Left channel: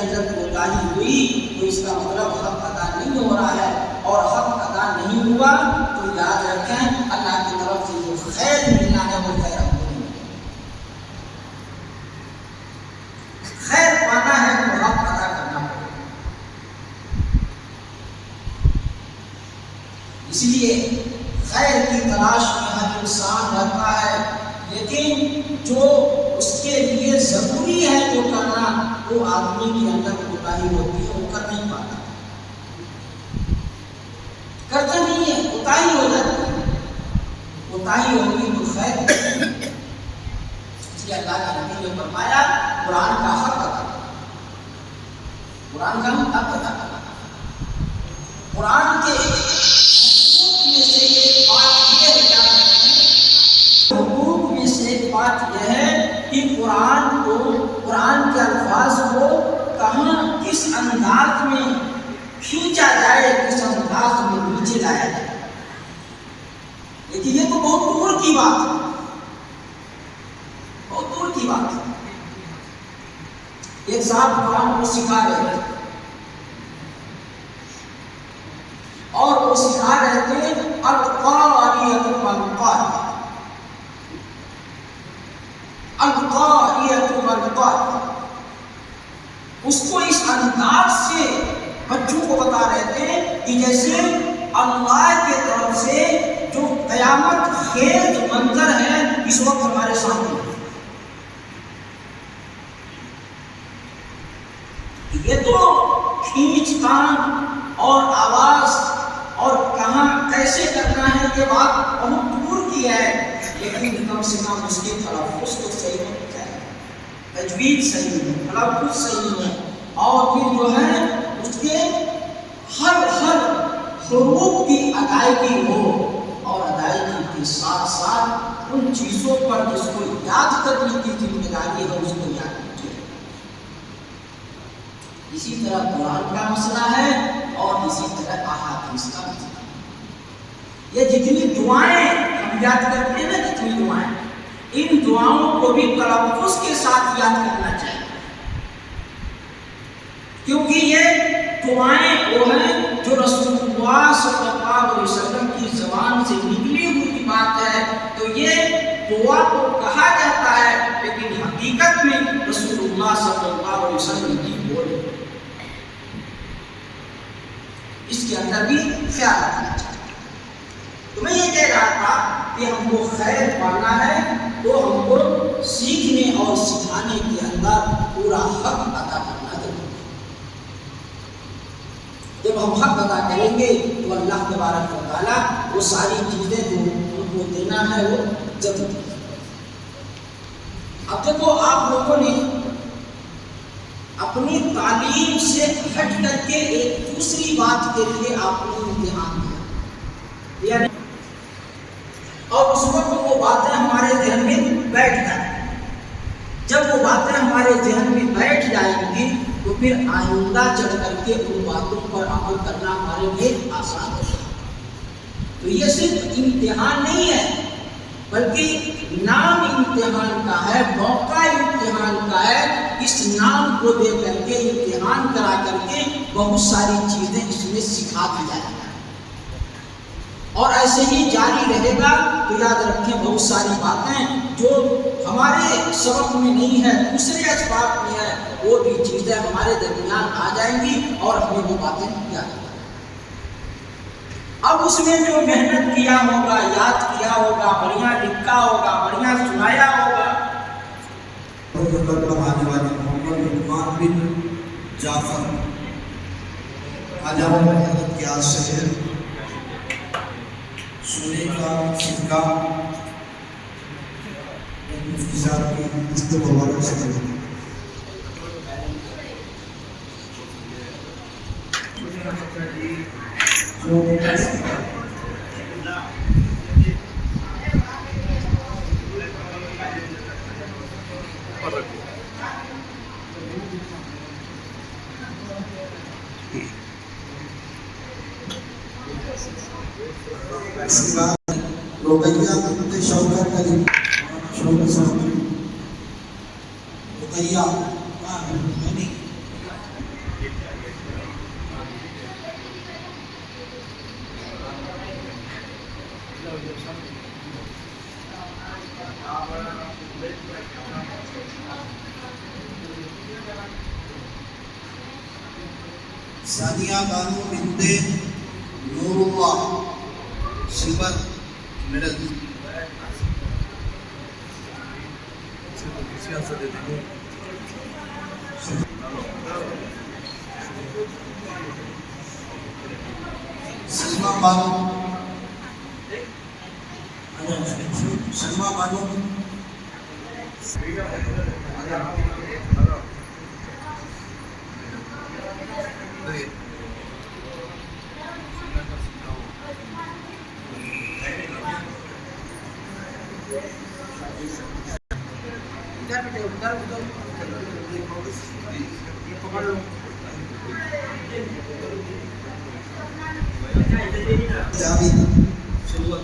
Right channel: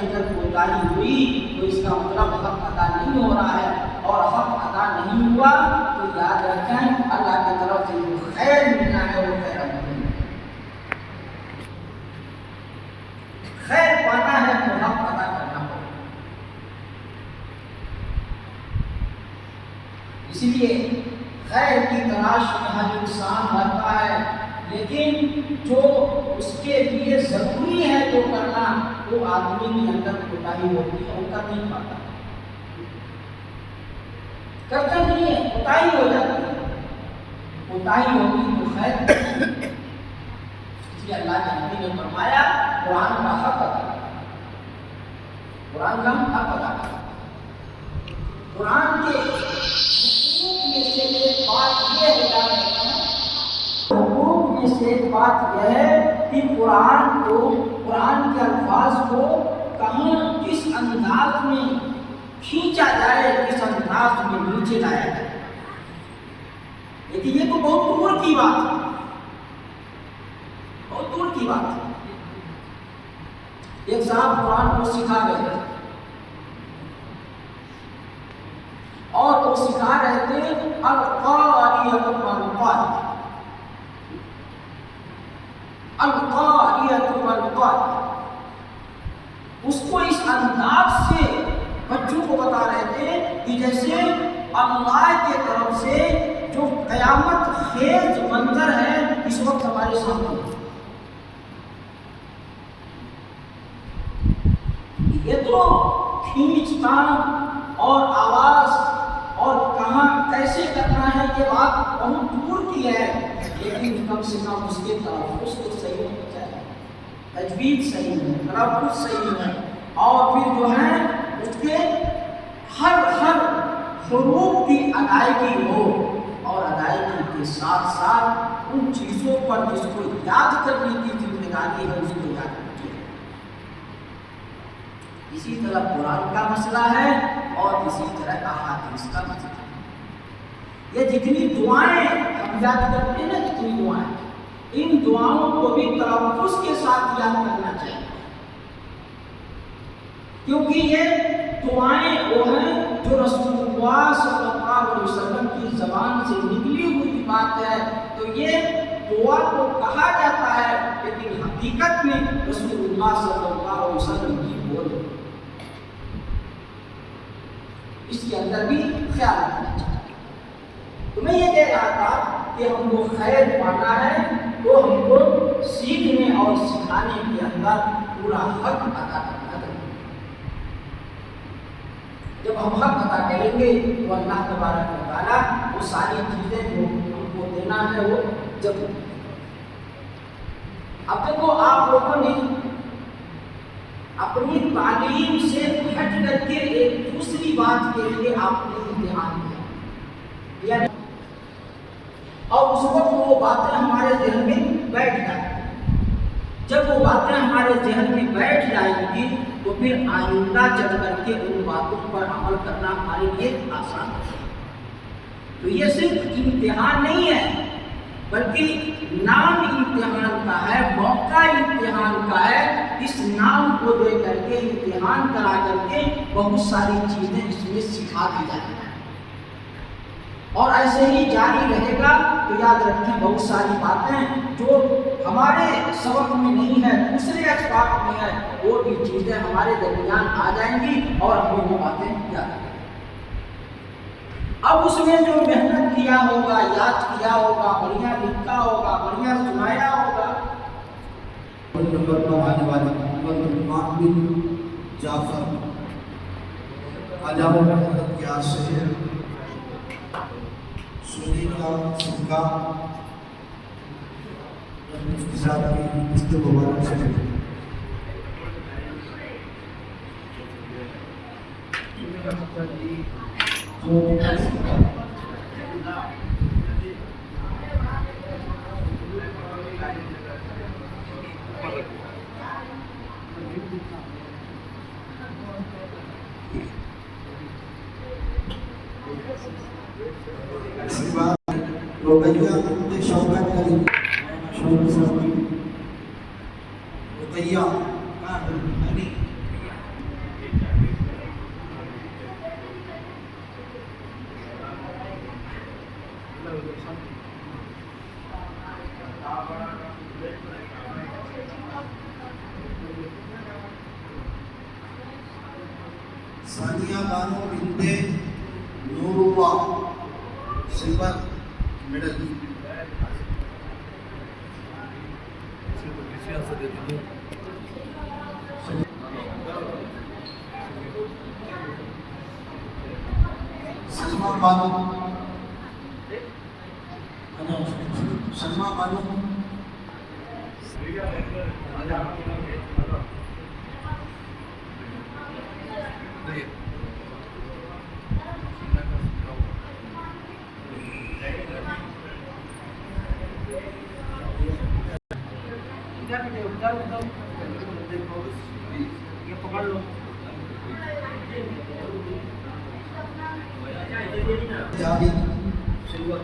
اندر کوتاہی ہوئی تو اس کا مطلب حق ادا نہیں ہو رہا ہے، اور حق ادا نہیں ہوا تو یاد رکھیں اللہ کی طرف سے جو خیر ملنا ہے وہ خیر ہم کو نہیں، خیر پانا ہے تو حق ادا کرنا ہوگا۔ اس لیے خیر کی تلاش میں ہر انسان رہتا ہے، لیکن جو اس کے لیے ضروری ہے جو کرنا وہ آدمی کے اندر کوتاہی ہوتی ہے، وہ کر نہیں پاتا، کرتا نہیں ہے، کوتاہی ہو جاتی ہے، کوتاہی ہوگی تو خیر۔ اس لیے اللہ کے نبی نے فرمایا قرآن کا حق ادا کرنا، قرآن کا ہم حق ادا کرنا۔ قرآن کے حقوق میں سے ایک بات یہ ہے، حقوق میں سے ایک بات یہ ہے کہ قرآن کے الفاظ کو کہاں کس انداز میں کھینچا جائے، کس انداز میں نیچے لایا جائے۔ لیکن یہ تو بہت دور کی بات ہے، بہت دور کی بات ہے۔ ایک صاحب قرآن کو سکھا رہے تھے اور وہ سکھا رہے تھے القاریۃ والقاریۃ، القاریۃ والقاریۃ۔ اس کو اس انداز سے بچوں کو بتا رہے تھے کہ جیسے اللہ کی طرف سے جو قیامت خیز منظر ہے اس وقت ہمارے سامنے، یہ تو کھینچ تان اور آواز اور کہاں کیسے کرنا ہے یہ بات بہت دور کی ہے، لیکن کم سے کم اس کے تلفظ تو صحیح ہونا چاہیے، تجوید صحیح ہو، تلفظ صحیح ہو، اور پھر جو ہے اس کے ہر حروف کی ادائیگی ہو، اور ادائیگی کے ساتھ ساتھ ان چیزوں پر جس کو یاد کرنے کی ذمہ داری ہے اس کو یاد کیجیے۔ اسی طرح قرآن کا مسئلہ ہے اور اسی طرح احادیث کا مسئلہ ہے۔ یہ جتنی دعائیں ہم یاد کرتے ہیں نا، جتنی دعائیں، ان دعاؤں کو بھی تلفظ کے ساتھ یاد کرنا چاہیے، کیونکہ یہ دعائیں وہ ہیں جو رسول اللہ صلی اللہ علیہ وسلم کی زبان سے نکلی ہوئی بات ہے، تو یہ دعا کو کہا جاتا ہے لیکن حقیقت میں رسول اللہ صلی اللہ علیہ وسلم کی بول ہے۔ اس کے اندر بھی خیال رکھنا چاہیے۔ تو میں یہ کہہ رہا تھا کہ ہم کو خیر پانا ہے تو ہم کو سیکھنے اور سکھانے کے اندر پورا حق ادا کرنا ضروری ہے۔ جب ہم حق ادا کریں گے تو اللہ تبارک و تعالیٰ وہ ساری چیزیں جو ہم کو دینا ہے وہ ضرور دے گا۔ اب دیکھو آپ لوگوں نے اپنی تعلیم سے ہٹ کر کے ایک دوسری بات کے لیے آپ نے امتحان دیا، اور اس وقت وہ باتیں ہمارے ذہن میں بیٹھ جائیں۔ جب وہ باتیں ہمارے ذہن میں بیٹھ جائیں گی تو پھر آئندہ چل کر کے ان باتوں پر عمل کرنا ہمارے لیے آسان ہو جائے گا۔ تو یہ صرف امتحان نہیں ہے بلکہ نام امتحان کا ہے، موقع امتحان کا ہے۔ اس نام کو دے کر کے امتحان کرا کر کے بہت ساری چیزیں اس میں سکھا دی جائیں گی، اور ایسے ہی جاری رہے گا تو یاد رکھیں بہت ساری باتیں جو ہمارے سبق میں نہیں ہے، دوسرے اسباق میں ہے، وہ بھی چیزیں ہمارے درمیان آ جائیں گی اور ہمیں وہ باتیں یاد رکھیں۔ اب اس میں جو محنت کیا ہوگا، یاد کیا ہوگا، بڑھیا لکھا ہوگا، بڑھیا سنایا ہوگا، نمبر پر آنے والے محمد عثمان بن جعفر آجاؤ حضرت کے آج سے سونے کا صدقہ مفتی صاحب کی دست مبارک سے اس کے بعد رقیہ بنت شوکت علی شوکت صاحب رقیہ ثانیہ بانو بنت نور اللہ سلور میڈل. سلما بانو جاوید سلور.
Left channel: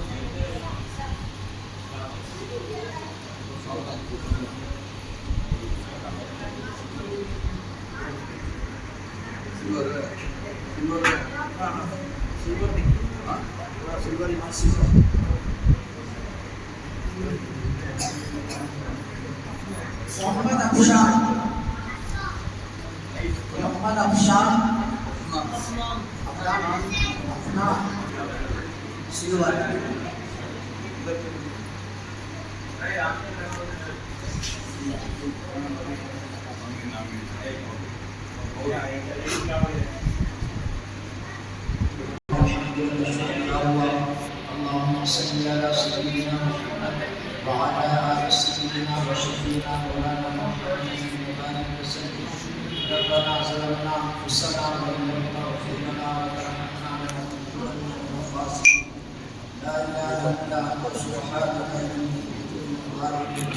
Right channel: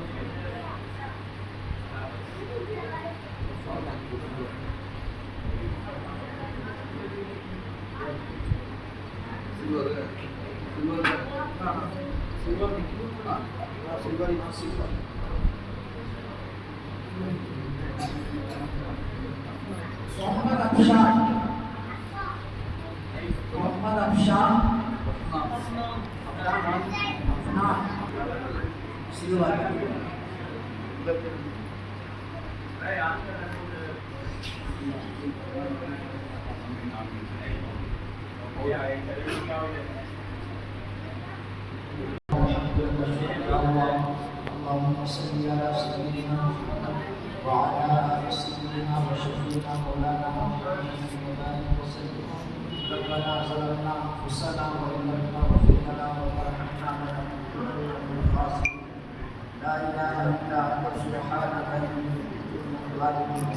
محمد افشان افنان سلور. اللهم صل على سيدنا محمد وعلى آل سيدنا وشفينا مولانا محمد وبارك وسلم. ربنا ظلمنا أنفسنا وإن لم تغفر لنا وترحمنا لنكونن من الخاسرين. لا إله إلا أنت سبحانك إني كنت من الظالمين.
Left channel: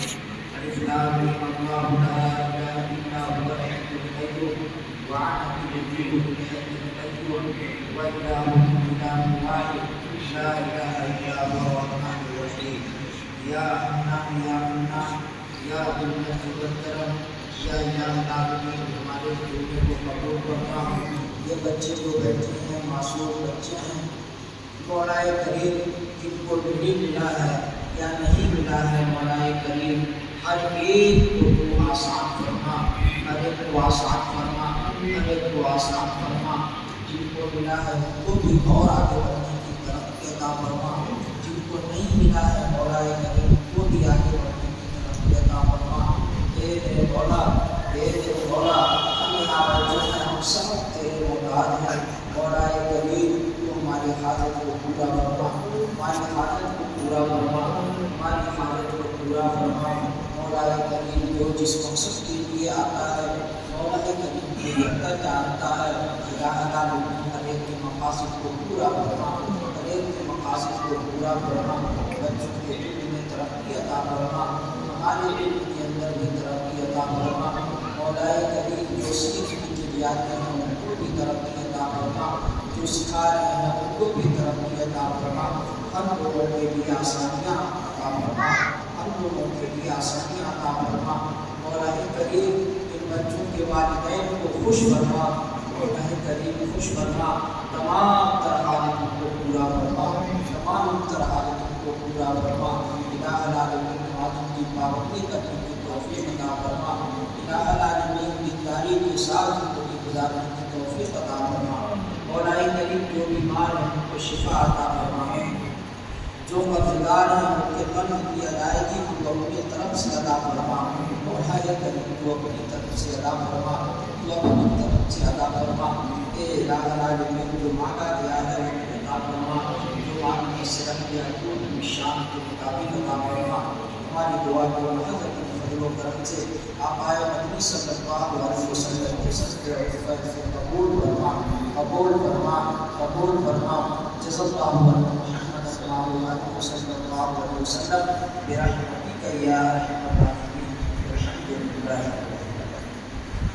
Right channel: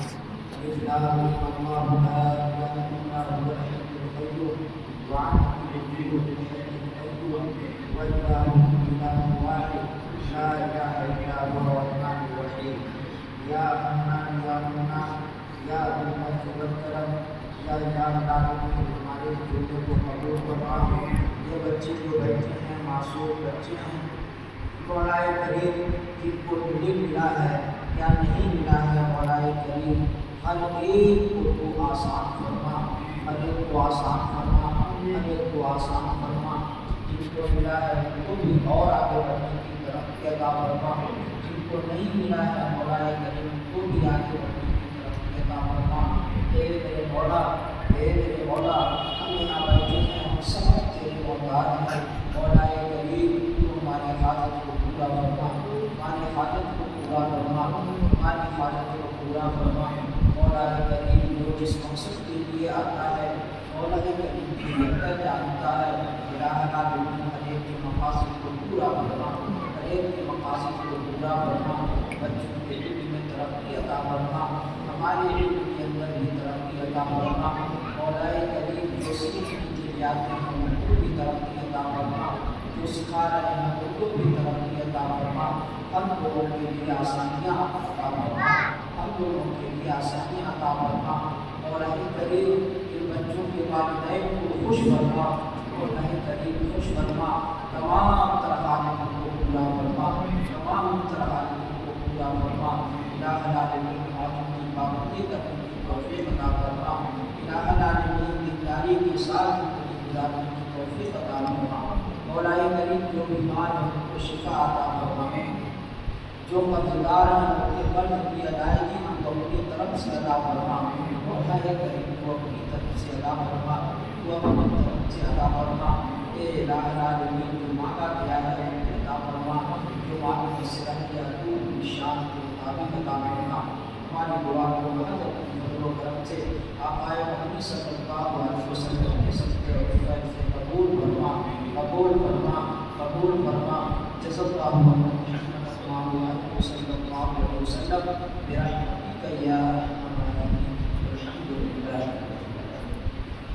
ألف لام ميم الله لا إله إلا هو الحي القيوم وعنه يجيب الحي القيوم وإلهكم إله واحد لا إله إلا هو الرحمن الرحيم. یا حنان یا منان یا ذو المجد والکرم یا الہ العالمین ہمارے جمعے کو قبول فرما. یہ بچے جو بیٹھے ہیں معصوم بچے ہیں، مولا کریم جن کو نہیں ملا ہے یا نہیں ملا ہے، مولا کریم ہر ایک کو تو آسان فرما، ہر ایک کو آسان فرما، ہر ایک کو آسان فرما. جن کو ملا ہے ان کو بھی اور آگے بڑھنے کی طرف عطا فرما. جن کو نہیں ملا ہے مولا کریم کو بھی آگے بڑھنے کی طرف عطا فرما. اے میرے مولا، اے میرے مولا، ہم یہاں پر جو ہیں ہم سب تیرے محتاج ہیں. مولا کریم تو ہماری حاجت کو پورا فرما، ہماری حاجت کو پورا فرما، ہماری حاجت کو پورا فرما. مولا کریم جو جس مقصد کے لیے آتا ہے مولا کریم بہتر جانتا ہے. الہ العالمین ہر ایک کے مقاصد کو پورا فرما، ہر ایک کے مقاصد کو پورا فرما. بچوں کے علم میں ترقی عطا فرما، ہمارے علم کے اندر بھی ترقی عطا فرما. مولا کریم جو سیکھنے کے لیے آتے ہیں ان کو بھی ترقی عطا فرما، جو سکھا رہے ہیں ان کو بھی ترقی عطا فرما. ہم لوگوں کے لیے آسانیاں عطا فرما، ہم لوگوں کے لیے آسانیاں عطا فرما. مولا کریم ان بچوں کے والدین کو خوش فرما، مولا کریم خوش فرما. تمام تر حاجتوں کو پورا فرما، تمام تر حاجتوں کو پورا فرما. الہ العالمین نمازوں کی پابندی کرنے کی توفیق عطا فرما. الہ العالمین دینداری کے ساتھ زندگی گزارنے کی توفیق عطا فرما. مولا کریم جو بیمار ہیں ان کو شفا عطا فرما، جو قرضدار ہیں ان کے قرض کی ادائیگی ہم کو اپنی طرف سے ادا فرما. مولا کریم کو اپنی طرف سے ادا فرما، تو اپنی طرف سے ادا فرما. اے الہ العالمین جو مانگا گیا ہے وہ عطا فرما، جو مانگنے سے رہ گیا تو شان کے مطابق عطا فرما. ہماری دعا کو حضرت کے فضل و کرم سے آپ آئے مدنی صلی اللہ علیہ وسلم کے صدقے سے قبول فرما، قبول فرما، قبول فرما. جزا اللہ محمد صلی اللہ علیہ وسلم برحمتک یا ارحم الراحمین. الحمد للہ.